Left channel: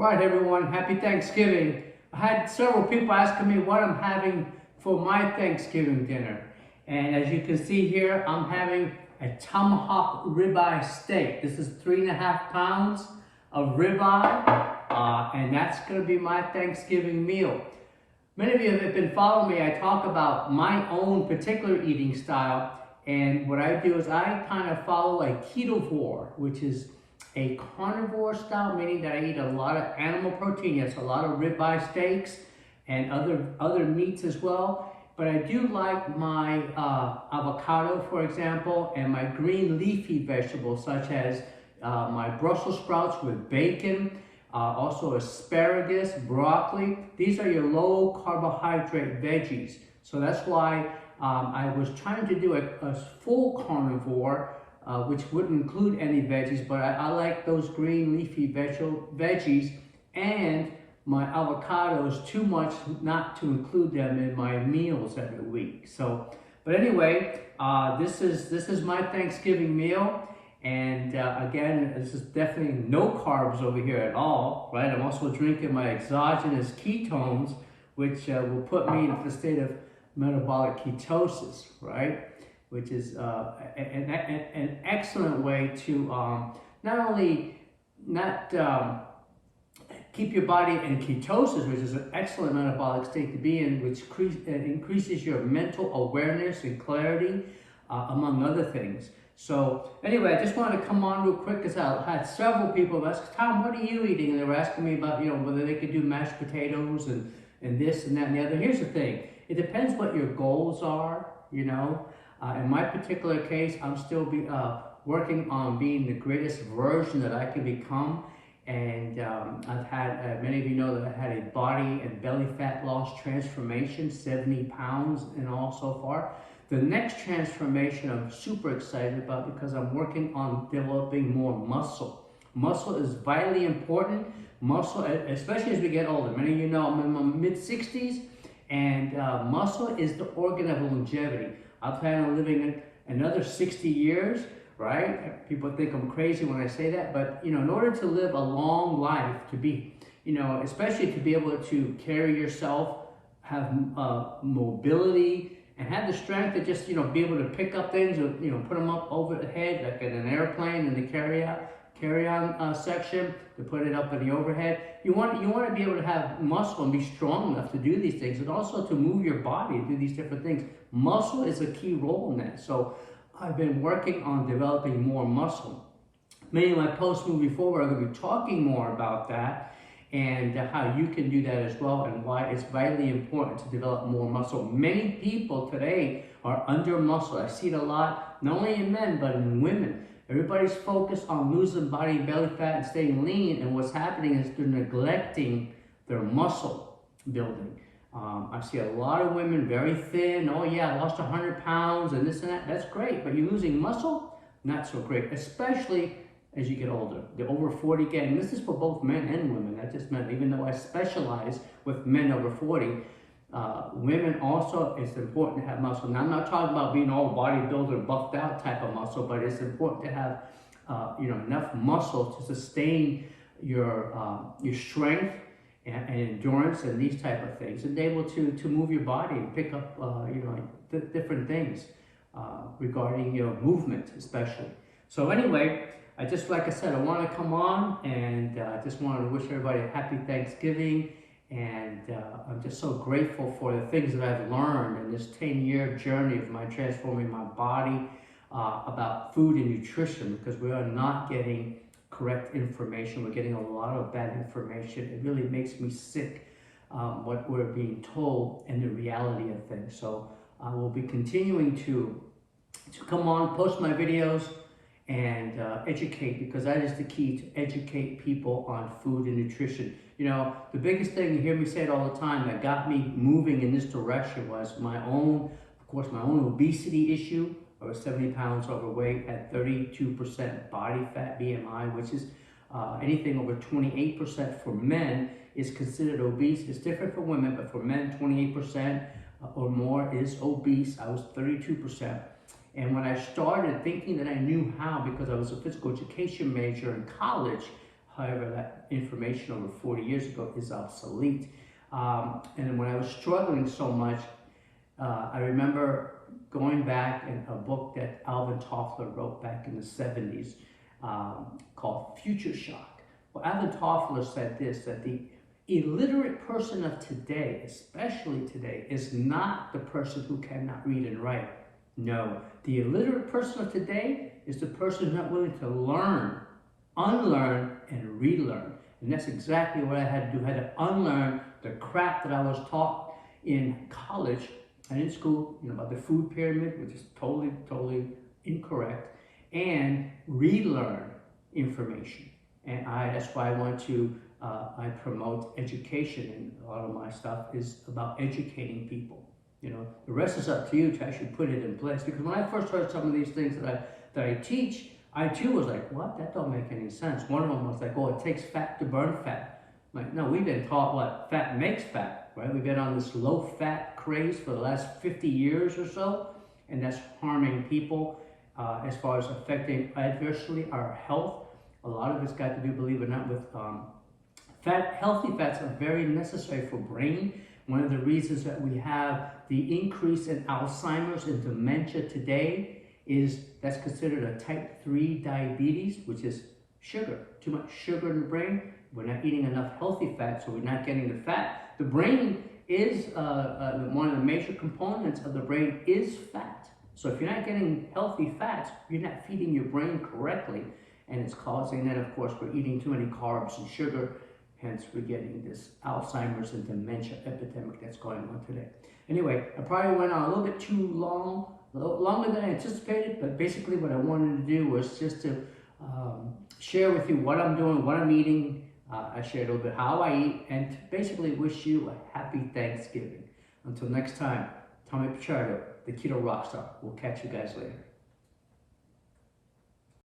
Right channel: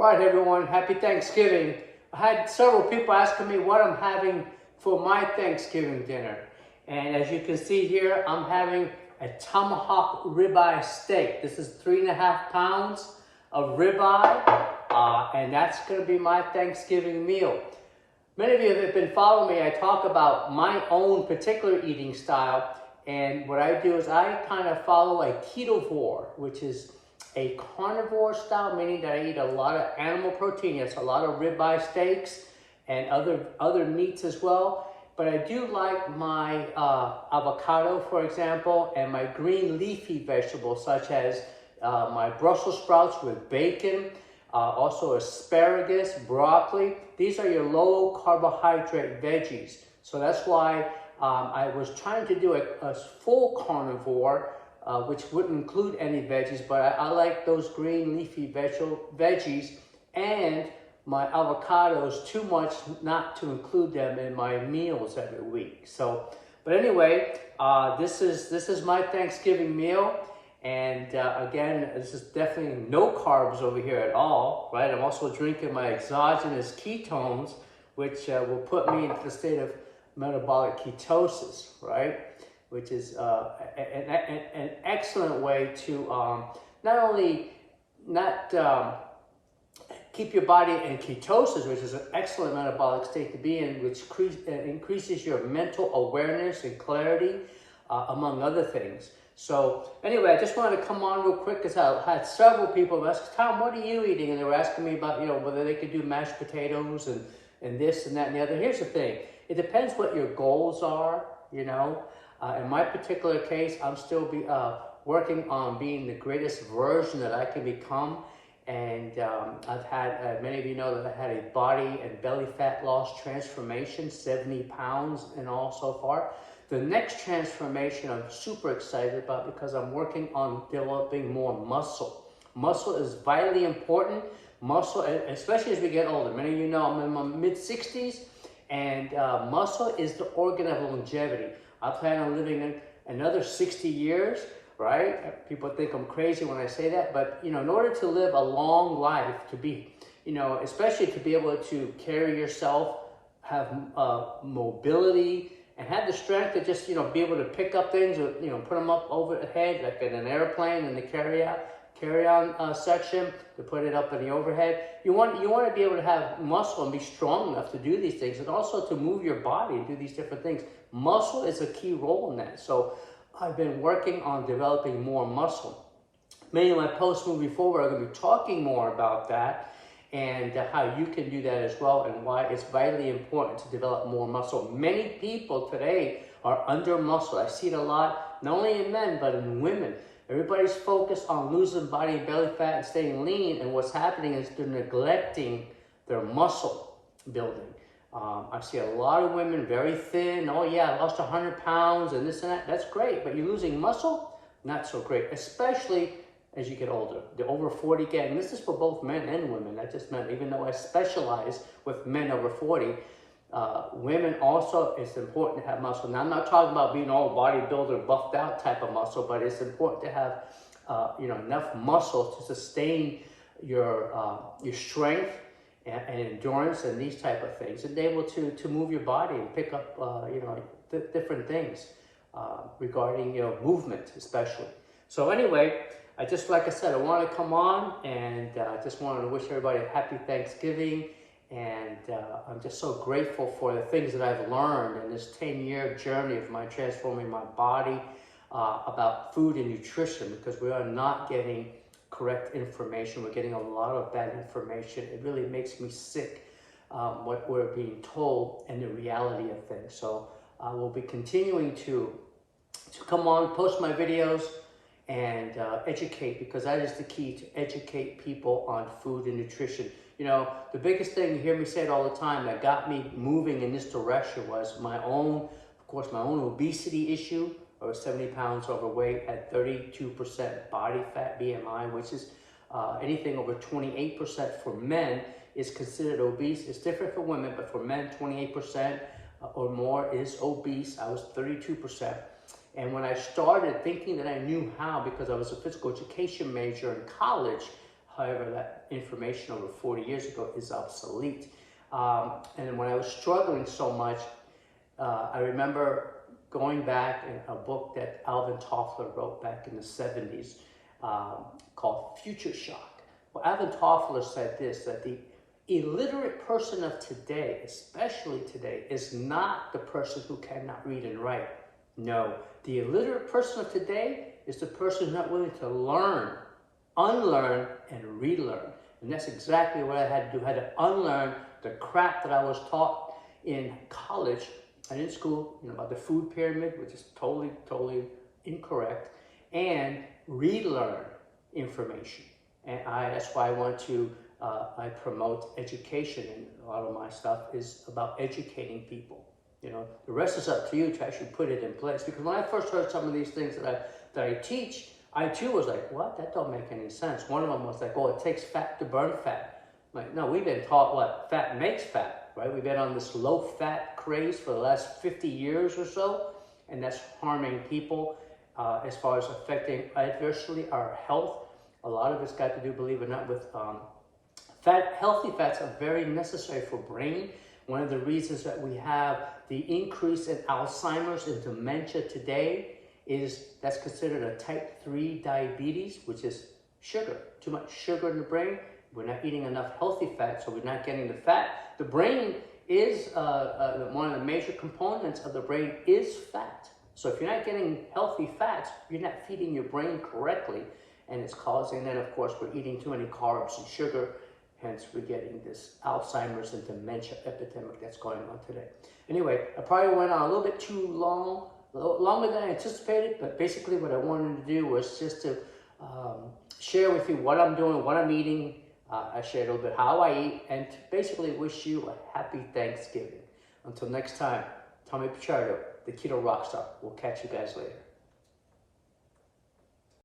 All right, everyone, happy Thanksgiving. I had several people asking me what I'm having for my Thanksgiving dinner. And as you can see here, I'm having a tomahawk ribeye steak. This is 3.5 pounds of ribeye, and that's gonna be my Thanksgiving meal. Many of you have been following me. I talk about my own particular eating style, and what I do is I kind of follow a ketovore, which is a carnivore style, meaning that I eat a lot of animal protein. Yes, a lot of ribeye steaks and other meats as well. But I do like my avocado, for example, and my green leafy vegetables, such as my Brussels sprouts with bacon, also asparagus, broccoli. These are your low carbohydrate veggies. So that's why I was trying to do a full carnivore, which wouldn't include any veggies, but I like those green leafy veggies and my avocados too much not to include them in my meals every week. So, but anyway, this is my Thanksgiving meal, and again, this is definitely no carbs over here at all, right? I'm also drinking my exogenous ketones, which will put me into the state of metabolic ketosis, right? Which is an excellent way to not only keep your body in ketosis, which is an excellent metabolic state to be in, which increases your mental awareness and clarity, among other things. So anyway, I just wanted to come on real quick because I had several people ask, Tom, what are you eating? And they were asking me about, whether they could do mashed potatoes and this and that and the other. Here's the thing. It depends what your goals are, In my particular case, I'm still working on being the greatest version that I can become. And I've had, many of you know that I had a body and belly fat loss transformation, 70 pounds in all so far. The next transformation I'm super excited about because I'm working on developing more muscle. Muscle is vitally important. Muscle, especially as we get older. Many of you know I'm in my mid-60s, and muscle is the organ of longevity. I plan on living another 60 years, right? People think I'm crazy when I say that, but in order to live a long life, to be, especially to be able to carry yourself, have mobility, and have the strength to just, be able to pick up things, or, put them up overhead, like in an airplane in the carry-on section, to put it up in the overhead. You want to be able to have muscle and be strong enough to do these things, and also to move your body, do these different things. Muscle is a key role in that. So I've been working on developing more muscle. Many of my posts moving forward are going to be talking more about that and how you can do that as well, and why it's vitally important to develop more muscle. Many people today are under muscle. I see it a lot, not only in men, but in women. Everybody's focused on losing body and belly fat and staying lean, and what's happening is they're neglecting their muscle building. I see a lot of women very thin. Oh yeah, I lost 100 pounds and this and that. That's great, but you're losing muscle? Not so great, especially as you get older. The over 40 gang, this is for both men and women. That just meant, even though I specialize with men over 40, women also, it's important to have muscle. Now, I'm not talking about being all bodybuilder, buffed out type of muscle, but it's important to have enough muscle to sustain your strength and endurance and these type of things, and be able to move your body and pick up different things regarding movement, especially. So anyway, like I said, I want to come on and just wanted to wish everybody a happy Thanksgiving. And I'm just so grateful for the things that I've learned in this 10-year journey of my transforming my body about food and nutrition, because we are not getting correct information. We're getting a lot of bad information. It really makes me sick, what we're being told and the reality of things. So I will be continuing to come on, post my videos, and educate, because that is the key, to educate people on food and nutrition. The biggest thing, you hear me say it all the time, that got me moving in this direction was my own obesity issue. I was 70 pounds overweight, had 32% body fat BMI, which is anything over 28% for men is considered obese. It's different for women, but for men, 28% or more is obese. I was 32%. And when I started thinking that I knew how, because I was a physical education major in college, However, that information over 40 years ago is obsolete. And when I was struggling so much, I remember going back in a book that Alvin Toffler wrote back in the 70s called Future Shock. Well, Alvin Toffler said this, that the illiterate person of today, especially today, is not the person who cannot read and write. No, the illiterate person of today is the person who's not willing to learn, unlearn, and relearn. And that's exactly what I had to do. I had to unlearn the crap that I was taught in college and in school, about the food pyramid, which is totally incorrect, and relearn information. And that's why I want to, I promote education, and a lot of my stuff is about educating people. The rest is up to you to actually put it in place. Because when I first heard some of these things that I teach, I too was like, what? That don't make any sense. One of them was like, oh, it takes fat to burn fat. I'm like, no, we've been taught what? Fat makes fat, right? We've been on this low-fat craze for the last 50 years or so, and that's harming people as far as affecting adversely our health. A lot of it's got to do, believe it or not, with fat. Healthy fats are very necessary for brain. One of the reasons that we have the increase in Alzheimer's and dementia today is that's considered a type 3 diabetes, which is sugar. Too much sugar in the brain. We're not eating enough healthy fat, so we're not getting the fat. The brain is, one of the major components of the brain is fat. So if you're not getting healthy fats, you're not feeding your brain correctly. And it's causing, then of course, we're eating too many carbs and sugar. Hence, we're getting this Alzheimer's and dementia epidemic that's going on today. Anyway, I probably went on a little bit too long, a little longer than I anticipated, but basically what I wanted to do was just to share with you what I'm doing, what I'm eating. I shared a little bit how I eat, and to basically wish you a happy Thanksgiving. Until next time, Tommy Pichardo, the Keto Rockstar. We'll catch you guys later.